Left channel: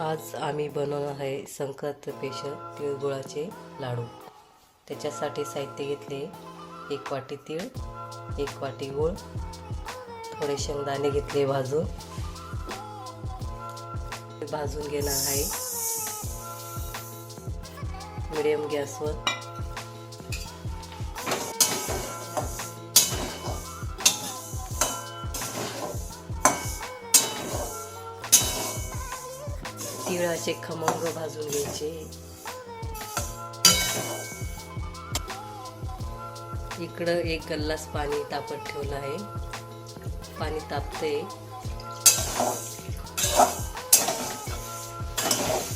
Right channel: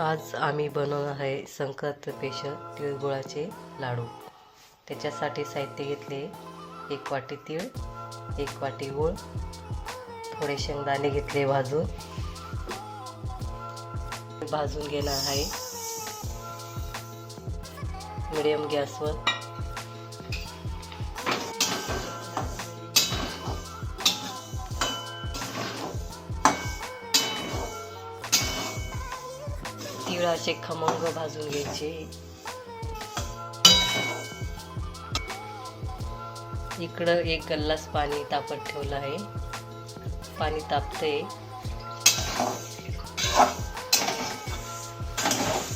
आज आम्ही बनवणार आहे संक्रांत स्पेशल तिळगुळाचे लाडू। त्याच्यासाठी साहित्य घेतले 1 वाटी तीळ, 1 वाटी गूळ, थोडे शेंगदाणे घेतले भाजून घेणार आहे मीडियम गॅसवर। तीळ असे खमंग भाजून घ्यायचे। इकडं 1 ग्लास पाणी तापत ठेवलं आहे। पाणी तापते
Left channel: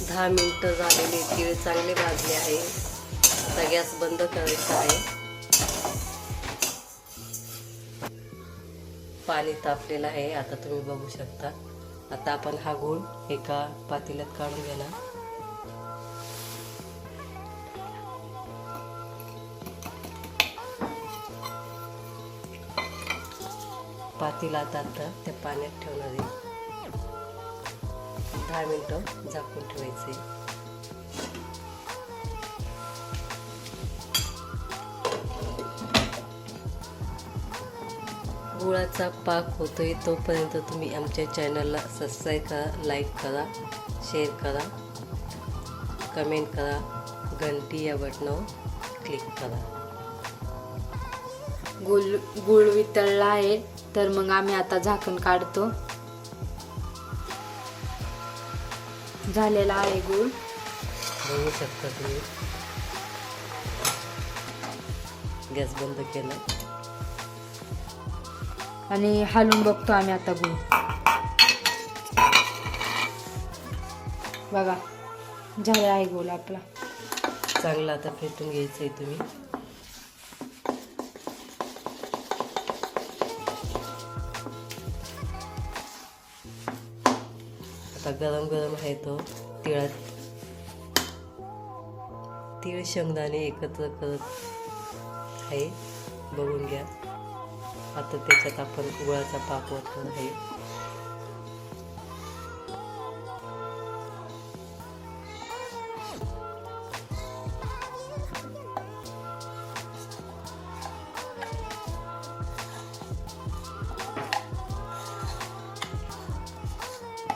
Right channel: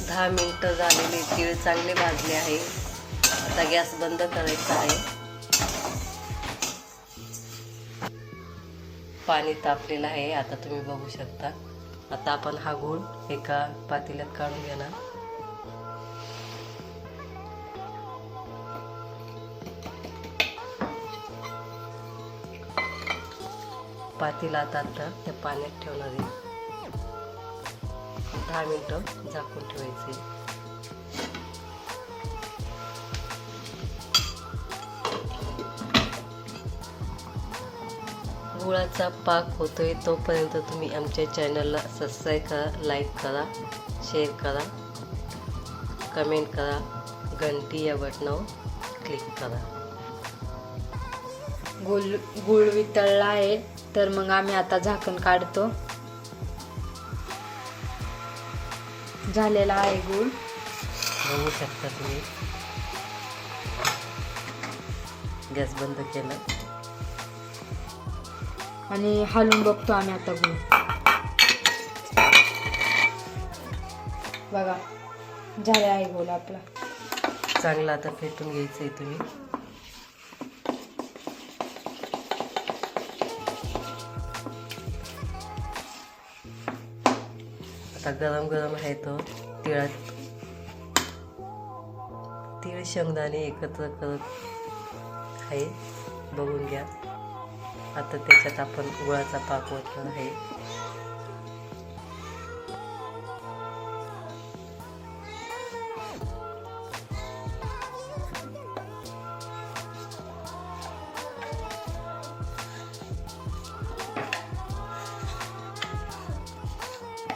10 मिनिटं झालेले। तीळ चांगले भाजले आहे। आता गॅस बंद करायचा आहे। पाणी तापलेलं आहे, आता तुम्ही बघू शकता। आता आपण हा गूळ एका पातेल्यात काढून घेणार। पातेला आता त्या पाण्यात ठेवणार आहे। 10 मिनिटं झाकून ठेवायचे। गुळाचा पाक होतोय तोपर्यंत तुम्ही आमच्या चॅनलला सबस्क्राईब करा, लाईक करा, शेअर करा, कमेंट करा, घंटी या बटनावर क्लिक करा। गुळ वितळला आहे, तर मग आम्ही आता झाकण काढतो। झालेला आहे गुळ, बघू शकता तुम्ही। गॅस बंद केला आणि हलवून बघतो आम्ही आता गुळ। बघा झाले आहे गुळ आपला चांगला। आता फेटून घ्यायचंय तुम्ही। आता गरम गरम आहे तो तीळ शेंगदाणे एकत्र करत आहे, बघून घ्या। आता त्याच्यात आपण गुळाचा पाक ओतणार आहे।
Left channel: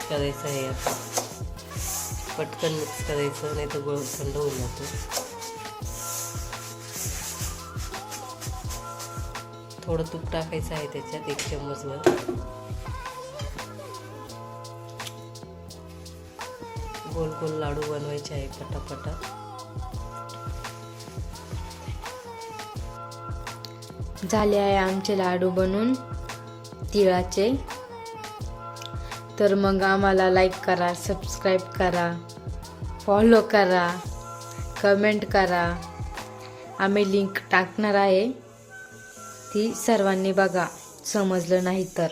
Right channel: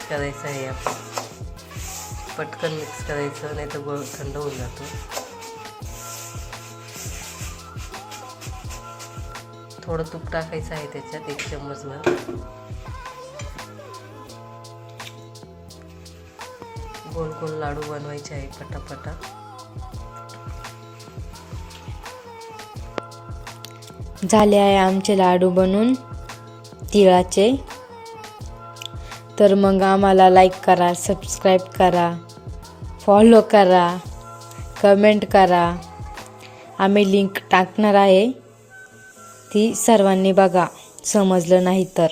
करायचं आहे आपण पटकन मिक्स करायचं, नाही तर गुळ थंड होऊन जातो। थोडं तूप टाकायचं आहे त्याच्यात 1 चम्मचभर। गोल गोल लाडू बनवायचे आहे पटापटा। झाले आहे आमचे लाडू बनून तिळाचे। तर मग आम्हाला लाईक करा, सबस्क्राईब करा, फॉलो करा, कमेंट करा। आम्ही लिंक टाकणार आहे, ती सर्वांनी बघा, समजलं नाही तर।